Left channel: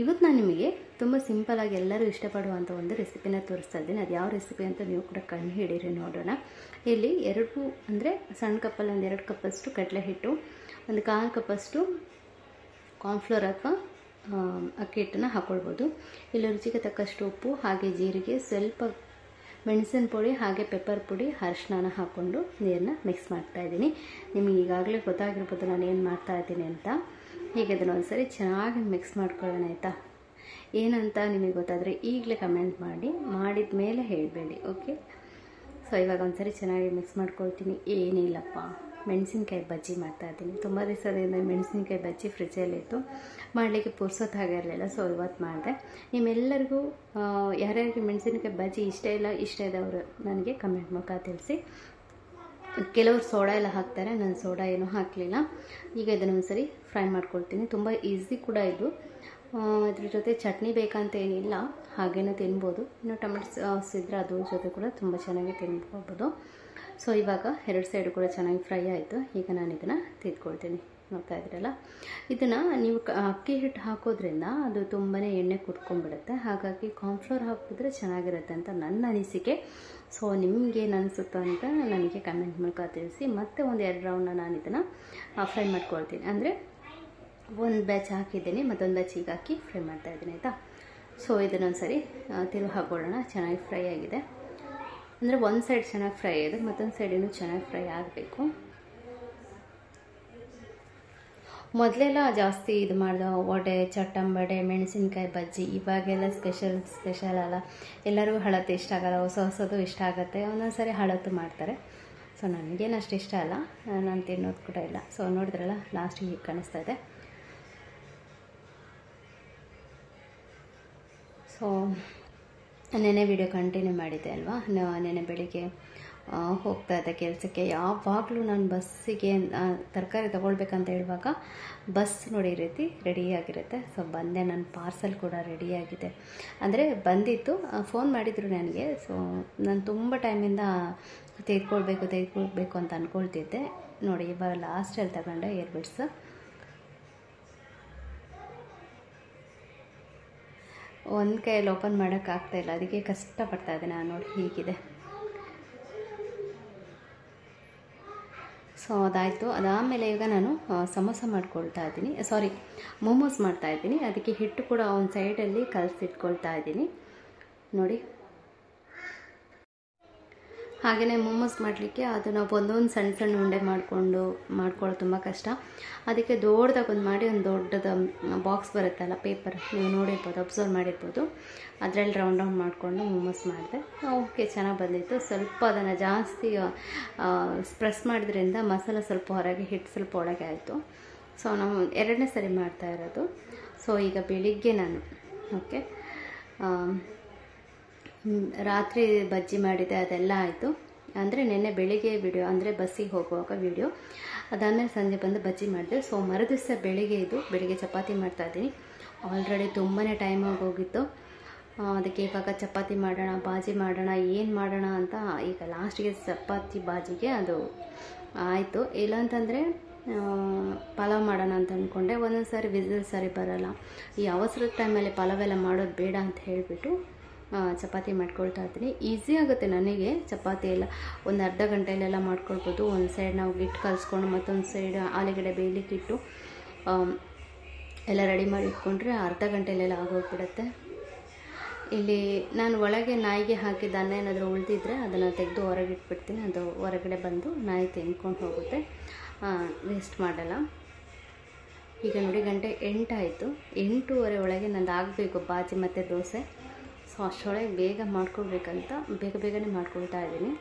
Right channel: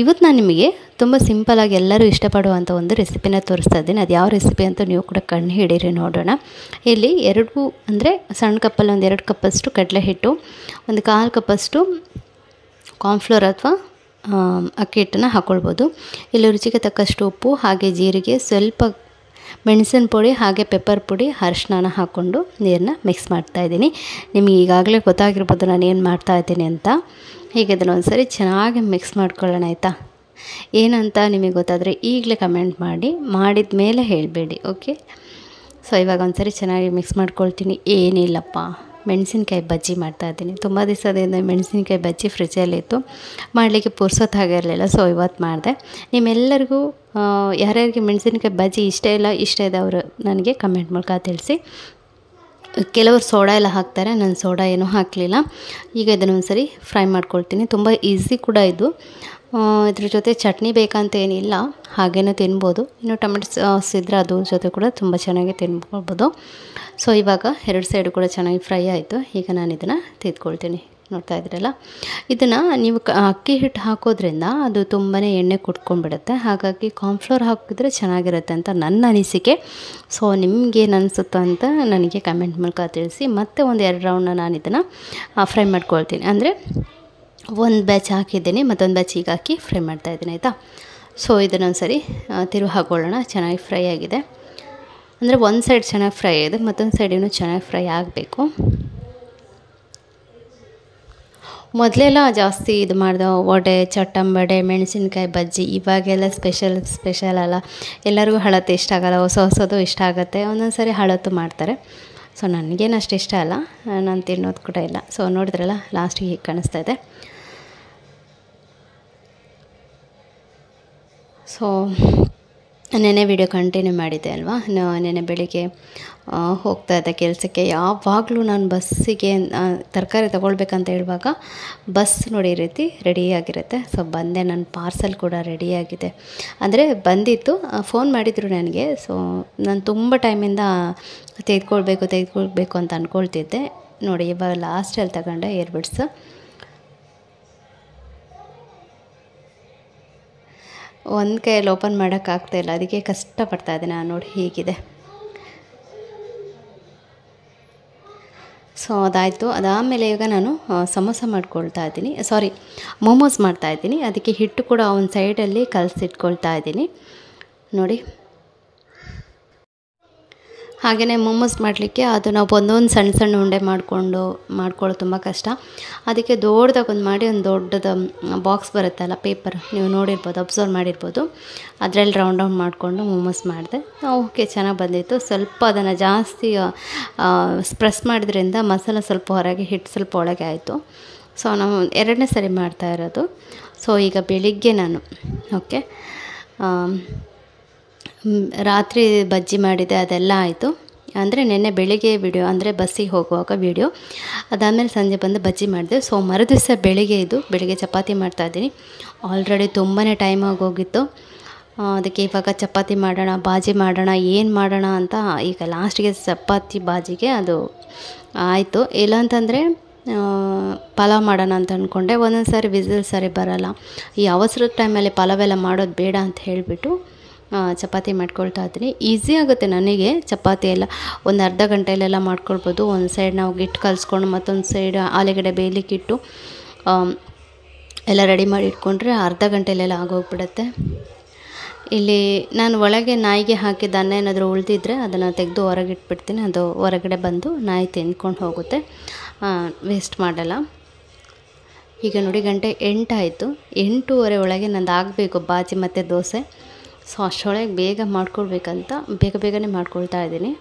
ಇವತ್ತು ನಾನು ನಿಮಗೆ ತುಂಬ ಸಿಂಪಲಾಗಿ ಎಲ್ಲರೂ ಇಷ್ಟಪಡುವಂಥ ಒಂದು ರೆಸಿಪಿನ ತೋರಿಸ್ತಾ ಇದ್ದೀನಿ. ಅದು ಯಾವ ರೆಸಿಪಿ ಅಂತ ನೀವು ಕೂಡ ಕಣ್ಣು ಹಿಡೀರಿ ನೋಡೋಣ. ಇಲ್ಲಿ ಅಂದರೆ ಸಣ್ಣ ಕಪ್ಪಲ್ಲಿ ಒಂದು 2 ಕಪ್ಪಷ್ಟು ಕಡಲೆ ಹಿಟ್ಟು, ಒಂದು 1/4 ಕಪ್ಪಷ್ಟು ಕಾರ್ನ್ಫ್ಲೋರ್ ಅಥವಾ ಅಕ್ಕಿ ಹಿಟ್ಟನ್ನು ಹಾಕ್ಕೊಳ್ಬೋದು. ಇಲ್ಲಿ ರುಚಿಗೆ ತಕ್ಕಷ್ಟು ಉಪ್ಪು, ಹಾಗೆ ಜೀರಿಗೆ, ಸ್ವಲ್ಪ ಮೆಣಸಿನ ಪುಡಿ, ಹಾಗೆ ಪೆಪ್ಪರ್ ಪುಡಿ, ಅರಿಶಿನ ಹಾಕ್ಕೊಂಡು ನೀರನ್ನ ಮಿಕ್ಸ್ ಮಾಡ್ತಾಯಿದ್ದೀನಿ. ನಿಮಗೆ ಈಗಾಗಲೇ ಗೊತ್ತಾಗಿರ್ಬೋದು ನಾನು ಏನು ಮಾಡ್ತಾಯಿದ್ದೀನಿ ಅಂತ. ಹೀಗೆ ಅದನ್ನು ಒಂದು ಸರಿ ಚೆನ್ನಾಗಿ ಮಿಕ್ಸ್ ಮಾಡ್ಕೊಳ್ಳೋಣ ಆಯಿತಾ. ಏನಂತ ನಿಮಗೆ ಗೊತ್ತಾದರೆ ಈಗಲೇ ಕಮೆಂಟ್ ಮಾಡಿ, ಮಾಡಿದ ಮೇಲೆ ಹೇಳಬೇಡಿ, ಓಕೆ. ಸೊ ಇವಾಗ ಒಂದು ಸರಿ ಚೆನ್ನಾಗಿ ಮಿಕ್ಸ್ ಮಾಡ್ಕೊಳ್ತೀನಿ. ಏನಿಲ್ಲಪ್ಪ, ಮೆಣಸಿನ್ಕಾಯಿ ಬಜ್ಜಿ ಮಾಡ್ತಾಯಿದ್ದೀನಿ. ತುಂಬ ದಿವಸದಿಂದ ಮೆಣಸಿನ್ಕಾಯಿ ಬಜ್ಜಿ ಫ್ರಿಜ್ಜಲ್ಲಿತ್ತು, ಮಾಡಲಿಕ್ಕೆ ಪುರ್ಸೊತ್ತು ಆಗಿರಲಿಲ್ಲ. ಸೊ ಇವತ್ತು ಮಾಡಿದೆ. ನಿಮ್ಮೆಲ್ಲರಿಗೂ ಯಾರ್ಯಾರಿಗೆ ಮೆಣಸಿನ್ಕಾಯಿ ಬಜ್ಜಿ ಇಷ್ಟ ಇದೆ ಅವರು ನನಗೆ ಕಮೆಂಟ್ ಮೂಲಕ ತಿಳಿಸಿ. ಕೆಲವರು ಸೋಡಾ ಎಲ್ಲ ಹಾಕ್ತಾರೆ, ನಾನು ಸೋಡಾ ಏನೂ ಹಾಕಲಿಲ್ಲ. ಈಗ ಇದನ್ನು ಒಂದು ಸರಿ ಫ್ರೈ ಮಾಡ್ಕೊಳ್ತೀನಿ. ತುಂಬ ಈಸಿ ಕೂಡ ಇದು. ಇದ್ರ ಜೊತೆ ಚಟ್ನಿ ಬೇಕಂತ ಏನಿಲ್ಲ, ಹಾಗೇನೂ ತಿನ್ಬೋದು. ಇನ್ನು ಟೊಮೆಟೊ ಸಾಸ್ ಇದ್ದರೆ ಅದ್ರ ಜೊತೆ ಕೂಡ ತುಂಬ ಚೆನ್ನಾಗಿ ತಿನ್ಕೊಳ್ಬೋದು. ಸೊ ಇವಾಗ 2 ಸೈಡು ಕೂಡ ಚೆನ್ನಾಗಿ ಫ್ರೈ ಆಯಿತು. ಈಗ ನಾನು ಇದನ್ನು ತೆಗೆದುಕೊಳ್ತೀನಿ. ನೋಡ್ತಾ ಇದ್ದೀರಲ್ಲ, ಇದನ್ನು ನೀವು ಅಕ್ಕಿ ಹಿಟ್ಟು ಹಾಕೋದ್ರಿಂದ ಅದು ತುಂಬಾ ಎಣ್ಣೆ ಕುಟ್ಕೊಂಡ್ಬಿಡುತ್ತೆ. ಹಾಗಾಗಿ ಕಾರ್ನ್ಫ್ಲೋರ್ ಹಾಕಿದ್ರೆ ಚೆನ್ನಾಗಿರುತ್ತೆ ಅಂತ ನನ್ನ ಅನಿಸಿಕೆ. ಸೊ ನಿಮಗೇನು ಅನಿಸುತ್ತೋ ಅಂತ ನನಗೆ ಕಮೆಂಟ್ ಮೂಲಕ ತಿಳಿಸಿ. ಮತ್ತೆ ಒಂದು 2 ರೌಂಡ್ನ ನಾನು ಇದನ್ನು ಫ್ರೈ ಮಾಡ್ಕೊಳ್ತೀನಿ. ಅಂದರೆ ಒಂದು ಬ್ಯಾಚ್ ಹಾಕಿದ್ದೀನಿ, ಮತ್ತೊಂದು ಬ್ಯಾಚ್ ಈಗ ಹಾಕಿ ಫ್ರೈ ಮಾಡ್ತಾಯಿದ್ದೀನಿ ಆಯಿತಾ. ಸೊ ಇದನ್ನೊಂದು ಸರಿ ತಿರುವು ಹಾಕೊಳ್ಳೋಣ. ಚೆನ್ನಾಗಿ ಫ್ರೈ ಆಗಿದೆ ಅಂದರೆ ಒಂದು ಸೈಡ್ ಚೆನ್ನಾಗಿ ಫ್ರೈ ಆಗಿದೆ, ಮತ್ತೊಂದು ಸೈಡ್ ಇನ್ನೂ ಚೆನ್ನಾಗಿ ಫ್ರೈ ಆಗಬೇಕು. ಮೊದಲೆಲ್ಲ ಜಾಸ್ತಿ ಇದು ಮಾಡಿದೆ, ವಡೆ, ಚಟ್ಟಂಬಡೆ, ಮೆಣಸಿನ್ಕಾಯಿ ಬಜ್ಜಿ. ಇವಾಗೆಲ್ಲ ಸ್ಪೆಷಲ್ ಅಲ್ಲ, ಎಲ್ಲರಿಗೂ ಹಳತ್ತು ಇಷ್ಟ ಆಗೋಲ್ಲ, ಹೊಸದು ಇಷ್ಟ ಆಗುತ್ತೆ. ಒಂದೊಂದು ಸರಿ ಹಳತ್ತು ಮಾಡ್ತಾರೆ. ಸೊ ನನಗೇನು ಅಷ್ಟು ಇಷ್ಟ ಅಲ್ಲ, ನಾನು ತಿನ್ನೋದು ಕೂಡ ಇಲ್ಲ. ಸೊ ನೋಡಿದ್ರಲ್ಲ, ಲಾಸ್ಟಿಗೆ ಹೀಗೆ ಕಾಣಿಸ್ತಾ ಇದೆ. ಸೊ ನೆನ್ನೆ ವಿಡಿಯೋ ಕಂಟಿನ್ಯೂ ಮಾಡಿದ್ದೆ ಅಲ್ವಾ. ನೆನ್ನೆ ಬೆಳಿಗ್ಗೆ ಹೋಗ್ತಾ ಇದ್ದೆ ಕೆಲಸಕ್ಕೆ. ಯಾವಾಗಲೂ ನಾನು ಬಸ್ಸಿಗೆ ತರಕಾರಿ ತೊಗೊಳ್ಬೇಕಂತ ಹೇಳುವಾಗ ಬಸ್ ನೋಡಿ ಈ ರೀತಿ ರೆಡಿಯಾಗಿರುತ್ತೆ. ಸೊ ಬಂದೆ, ನನ್ನ ಪಾರ್ಸಲ್ ಕೂಡ ರೆಡಿಯಾಗಿದೆ. ಅಂದರೆ ಬಂದಿತ್ತು, ಫೋನ್ ಮಾಡಿದರು ನನಗೆ. ಸೊ ನಾನು ತುಂಬ ಟೈಮಿಂದ ತೆಗೆದುಕೊಳ್ಬೇಕು ಅಂತ ಅಂದ್ಕೊಳ್ತಿದ್ದೆ. ನೋಡಿ ಇವಾಗ ಲಾಸ್ಟಲ್ಲಿ ತಗೊಂಡೆ ಇಯರ್ಬಡ್ಸ್. ಒಂದು ಕೈಯಲ್ಲಿ ಓಪನ್ ಮಾಡೋಕ್ಕಾಗ್ತಾಯಿಲ್ಲ, ಅದಕ್ಕೆ ಕಷ್ಟಪಡ್ತಾಯಿದ್ದೀನಿ ನಾನು. ನೋಡಿ ಹೀಗಿದೆ. ಸೊ ಅದಾಯಿತು. ಅದಾದಮೇಲೆ ಈಗ ನಾನು ಸಮೋಸ ಮಾಡ್ಕೊಳ್ತಾ ಇದ್ದೀನಿ, ಮೋಮೋಸ್ ಮಾಡ್ತಾಯಿದ್ದೀನಿ. ಅದಕ್ಕೆ ಹಿಟ್ಟು ಕೂಡ ಒಂದು ಸೈಡಲ್ಲಿ ಕಲಸಿಟ್ಕೊಳ್ತಾ ಇದ್ದೀನಿ ನೋಡಿ. ಹಾಗೆಯೇ ಮೋಮೋಸ್ ಮಾಡಲಿಕ್ಕೆ ಅದು ನಾವು ಒಂದೊಂದು ಸಣ್ಣ ಉಂಡೆ ಮಾಡ್ಕೊಳ್ಳೋದು ತುಂಬ ಕಷ್ಟ. ಅದಕ್ಕೆ ದೊಡ್ಡದಾಗೊಂದು ಮಾಡಿ, ಒಂದು ದೊಡ್ಡದು ಬಾಕ್ಸ್ ಬರುತ್ತಲ್ಲ ಪೇಪರ್, ನೀವು ನೋಡಿರ್ಬೋದು, ಅಬ್ಸರ್ವ್ ಮಾಡಿರ್ಬೋದು. ಅದರಲ್ಲಿ ರೌಂಡ್ ಮಾಡಿಕೊಂಡು ಮೋಮೋಸ್ ಮಾಡಿದೆ. ಓಕೆ, ಚೆನ್ನಾಗಿ ಬಂದಿತ್ತು. ಸ್ವಲ್ಪ ಅದನ್ನು ಜಾಸ್ತಿ ಪ್ರೆಸ್ ಮಾಡಿದ್ರಿಂದ ಮಸಾಲ ಸ್ವಲ್ಪ ಹೊರಗೆ, ಹಿಟ್ಟು ಸ್ವಲ್ಪ ಒಳಗೆ ಆಯಿತು. ಸೊ ನಾವು 2ನೇ ಸರಿ ಮಾಡ್ತಾ ಇರೋದು. ಸೊ ಈಗ ಬೆಳಿಗ್ಗೆ ನಾನು ರಾತ್ರಿ ಬಜ್ಜಿ ಮಾಡಿದೆ, ಅದೆಲ್ಲ ಆಯಿತು. ಅಂದರೆ ನೆನ್ನೆ ಬೆಳಿಗ್ಗೆ ವಿಡಿಯೋ, ಅಂದರೆ ಬಸ್ಸಿಗೆ ಹೋಗುವಾಗ ವಿಡಿಯೋ, ಅದಾದಮೇಲೆ ಸಂಜೆ ಬಂದು ಬಜ್ಜಿ ಮಾಡಿದೆ. ಸೊ ಮರುದಿವಸ ಬೆಳಿಗ್ಗೆ ಚಪಾತಿ ಮಾಡ್ತಾಯಿದ್ದೀನಿ. ಆಲ್ರೆಡಿ ತುಂಬಾ ಟೈಮ್ ಆಗೋಗಿತ್ತು. ಅದಕ್ಕೆ ಇವಾಗ ಚಪಾತಿ ಮಾಡೋಣ, ಬಾಜಿ ಮಾಡೋಣ, ಏನು ಮಾಡೋಣ ಅಂತ ಈಗ ಲಾಸ್ಟಿಗೆ ಚಪಾತಿ ಬಾಜಿಗೆ ಅದು ಆಯಿತು. ಇಲ್ಲಾಂತಂದರೆ ಪಲಾವ್ ಮಾಡೋಣ ಅಂತ ಅಂದ್ಕೊಂಡೆ. ಒಂದೊಂದು ಸಾರಿ ವಿಸಿಲ್ ಸರಿ ಬರೋಲ್ಲ. ಈ ಅವಸರದ ಟೈಮಲ್ಲಿ ಪಲಾವೆಲ್ಲ ಮಾಡೋದು ಬೇಡ ಅಂತ ಹೇಳಿಬಿಟ್ಟು ಚಪಾತಿ ಮಾಡ್ಕೊಳ್ತಾ ಇದ್ದೀನಿ. ಈಸಿ ಆಗುತ್ತೆ ನನಗೆ ಚಪಾತಿ ಎಲ್ಲ. ಒಂದು ಅರ್ಧ ಗಂಟೆಯಲ್ಲೆಲ್ಲ ಮಾಡ್ಕೊಳ್ಬೋದು. ಒಂದು ಸೈಡ್ ನಾವು ಹಿಟ್ಟು ಕಲಿಸ್ಕೊಂಡು ಮತ್ತೊಂದು ಸೈಡ್ ಆಲೂಗಡ್ಡೆ ಬೇಯಲಿಕ್ಕಿಟ್ಟು ಎಲ್ಲ ರೆಡಿ ಮಾಡಿ ಇಟ್ಕೊಂಡ್ರೆ ಅರ್ಧ ಗಂಟೆಯಲ್ಲೆಲ್ಲ ಆಗೋಗ್ಬಿಡುತ್ತೆ. ಇಲ್ಲಿ ನಾನು ಒಳಗೆ ನಾಯಿಗೆ ಹಾಕಿದ ಅನ್ನ ಏನಾದರೂ ಉಳಿದಿದ್ರೆ ಅದನ್ನು ತೆಗೆದು ಹೊರಗೆ ಇಟ್ಬಿಡ್ತೀನಿ. ಅದು ಹೊರಗಡೆ ಬಂದು ನಾಯಿ ತಿಂದ್ಕೊಂಡು ಹೋಗುತ್ತೆ, ವೇಸ್ಟ್ ಮಾಡಲ್ಲ. ಈಗ ನೋಡಿ ಗಂಟೆ 8 ಆಯಿತು. 8:15 ಒಳಗೆ ನಂದು ಆಗಬೇಕು ಬಾಜಿ ಮತ್ತು ದೋಸೆ. ಸೊ ಅಷ್ಟರೊಳಗೆ ಬೇಗ ಮಾಡ್ಕೊಳ್ಬೇಕಂತ ಬೇಗನೆ ಮಾಡ್ಕೊಳ್ತಾ ಇದ್ದೀನಿ.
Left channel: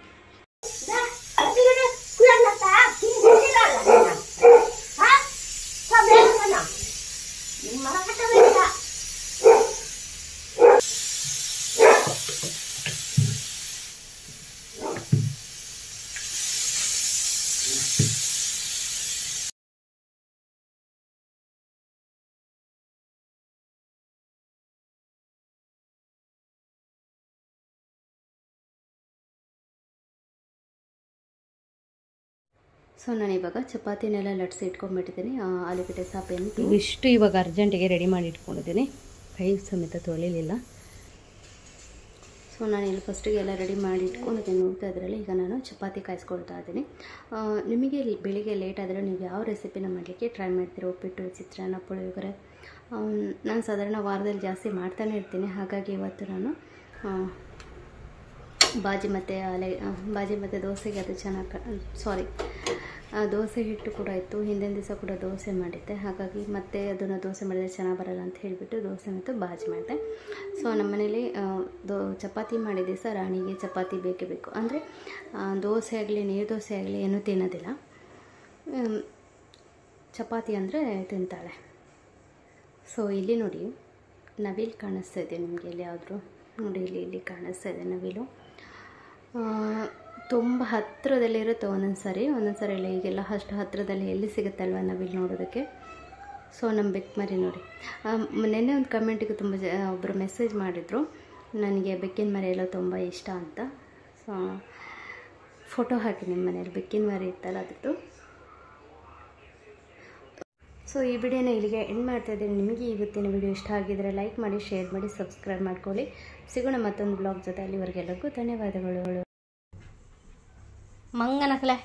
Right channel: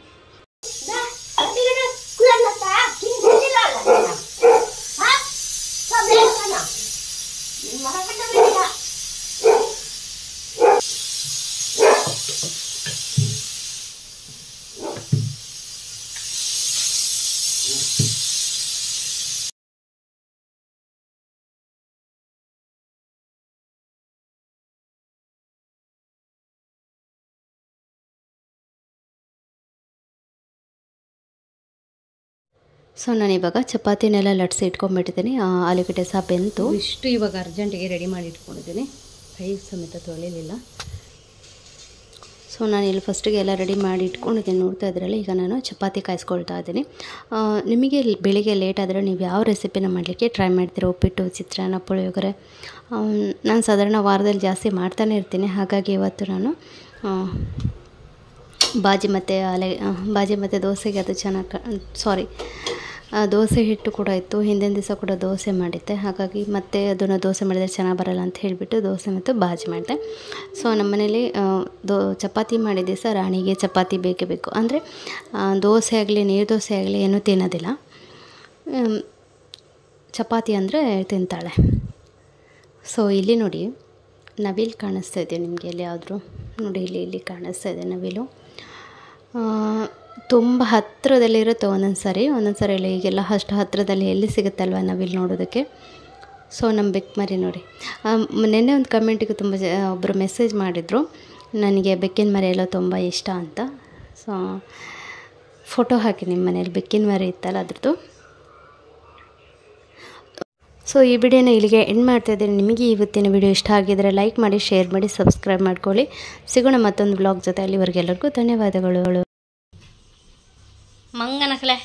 ಸೊ ನಾನಿವಾಗ ಚಪಾತಿನೆಲ್ಲ ಲಟ್ಸಿ ಇಟ್ಕೊಂಡ್ಬಿಟ್ಟಿದ್ದೀನಿ. ಆಲೂಗಡ್ಡೆ ಸಹ ಬೆಂತು. ಇಷ್ಟು ಇವಾಗ ಅರ್ಜೆಂಟಿಗೆ ರೆಡಿ ಮಾಡಿ ಇಟ್ಕೊಂಡಿದ್ದೀನಿ. ಕೈ ಸಮೇತ ತೊಳಿಲಿಲ್ಲ. ಸೊ ನಾನು ಇಲ್ಲಿ ಫಸ್ಟಿಗೆ ಎಲ್ಲ ರೆಡಿ ಮಾಡಿ ಇಟ್ಕೊಂಡಿದ್ದೀನಿ, ನೋಡ್ತಾ ಇದ್ರಲ್ಲ. ಈಗ ನಾನು ಚಪಾತಿ ಕಾಯಿಸ್ಕೊಳ್ತಾ ಇದ್ದೀನಿ. ನಿಮಗೆ ಬೆಳಿಗ್ಗೆ ಲೇಟ್ ಆದರೆ ನೀವು ಯಾವ ರೆಸಿಪಿನ ಮಾಡಲಿಕ್ಕೆ ಟ್ರೈ ಮಾಡ್ತೀರಾ? ಉಪ್ಪಿಟ್ಟು, ಚಿತ್ರಾನ್ನ, ಪುಳಿಯೋಗರೆ. ನಾನು ಸಾಧಾರಣ ವಾರದಲ್ಲಿ ಜಾಸ್ತಿ ಮಾಡ್ತಾನೆ ಇರ್ತೀನಿ. ಹಾಗಾಗಿ ಇವತ್ತು ನಾನು ಬಾಜಿ ಮತ್ತು ದೋಸೆಗೆ ಅದು ಚೆನ್ನಾಗಿ ದೋಸೆ ಹಿಟ್ಟು ಕೂಡ ಇತ್ತು. ಹಿಂದಿನ ದಿವಸ ಕೂಡ ದೋಸೆ ಮಾಡಿದ್ದೆ. ಹಾಗಾಗಿ ಮತ್ತೆ ಅದನ್ನು ದೋಸೆ ಮಾಡಿದರೆ ಚೆನ್ನಾಗಿ ಬರಲ್ಲ ಅಂತ ಹೇಳಿಬಿಟ್ಟು ದೋಸೆ ಮತ್ತು ಬಾಜಿ ಮಾಡಿದೆ. ಸೊ ನಮ್ಮ ಮನೇಲಿ ಚಪಾತಿ ಮಾಡಿದ ದಿವಸ ರಾಣಿಗೆ ಚಪಾತಿ ಬೇಕೇ ಬೇಕು. ಅಂದರೆ ದೋಸೆ ಆಗಲಿ ನೀರು ದೋಸೆ ಆಗಲಿ ಏನೂ ತಿನ್ನೋದಿಲ್ಲ. ಚಪಾತಿ ಅಂದರೆ ತಿಂತಾಳೆ. ಸೊ ಇಲ್ಲಿ ನೋಡಿ ನವಿಲು ಕಾಣಿಸ್ತಾ ಇದೆ ನಿಮಗೆ. ಎಲ್ಲಿ ಯಾವುದ್ರು ನೋಡಿ, ಇಲ್ಲಿ ಕಾಣಿಸ್ತಾ ಇದೆ ನವಿಲು. ತುಂಬ ಹತ್ತಿರದಲ್ಲಿರುತ್ತೆ ಒಂದೊಂದು ಸಾರಿ ಇಲ್ಲ. ಈಗೆಲ್ಲ ಅಷ್ಟು ಹತ್ತಿರದಲ್ಲಿ ಎಲ್ಲಿ ಸಿಗುತ್ತಲ್ವ ನವಿಲು ನೋಡೋದಕ್ಕೆ. ಸೊ ನಮ್ಮ ಬೆಕ್ಕಮರಿ ನೋಡಿ. ನೆನ್ನೆ ಒಂದು ಕಮೆಂಟಿಗೆ ತುಂಬ ಒಬ್ಬರು ಮೆಸೇಜ್ ಮಾಡಿದರು, ನನಗೆ ಬೆಕ್ಕಿನ ಮರಿ ಎಲ್ಲ ತುಂಬ ಇಷ್ಟ ಅಂತ. ಸೊ ಫೋಟೋ ಹಾಕಿ ನಿಮ್ಮ ಮನೇಲಿ ಬೆಕ್ಕಿನ ಮರಿ ಇತ್ತಲ್ಲ ಅದ್ರದ್ದು. ಸೊ ಈ ವಿಡಿಯೋನ ಇಲ್ಲಿಗೆ ಎಂಡ್ ಮಾಡ್ತಾಯಿದ್ದೀನಿ. ನಿಮಗೆ ಇವತ್ತಿನ ವಿಡಿಯೋ ಇಷ್ಟ ಆಗಿದರೆ ಲೈಕ್ ಮಾಡಿ, ಶೇರ್ ಮಾಡಿ, ಸಬ್ಸ್ಕ್ರೈಬ್ ಮಾಡ್ಕೊಳ್ಳಿ. ಸಿಗೋಣ ಮತ್ತೊಂದು ಬ್ಲಾಗ್ ಜೊತೆ. ಅಲ್ಲಿವರೆಗೆಲ್ಲರಿಗೂ ಧನ್ಯವಾದಗಳು. ಮಂಗನಕಲೆ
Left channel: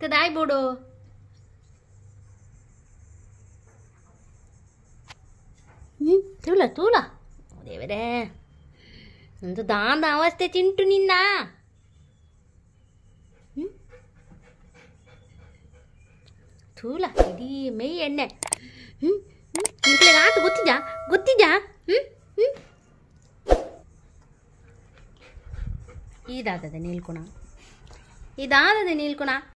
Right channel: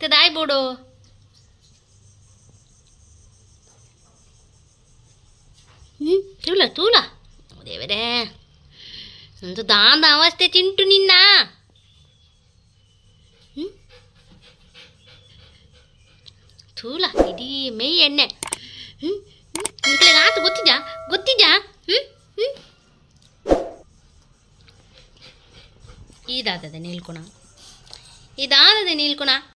ತದಾಯ್ ಬೋಡು ತೂಲ ದೇವರೇ, ಒಂದು ದಾಂದ ಅವಸ್ಥೆ ತಿಂಟು ನಿನ್ನ. ತೂಲ ಇಡೀ ಮೈ ಎಣ್ಣೆ. ಆತು ಗೊತ್ತಿದ್ಯಾ. ಇದಾದದೆ ನೀಲ್ಕುಣ.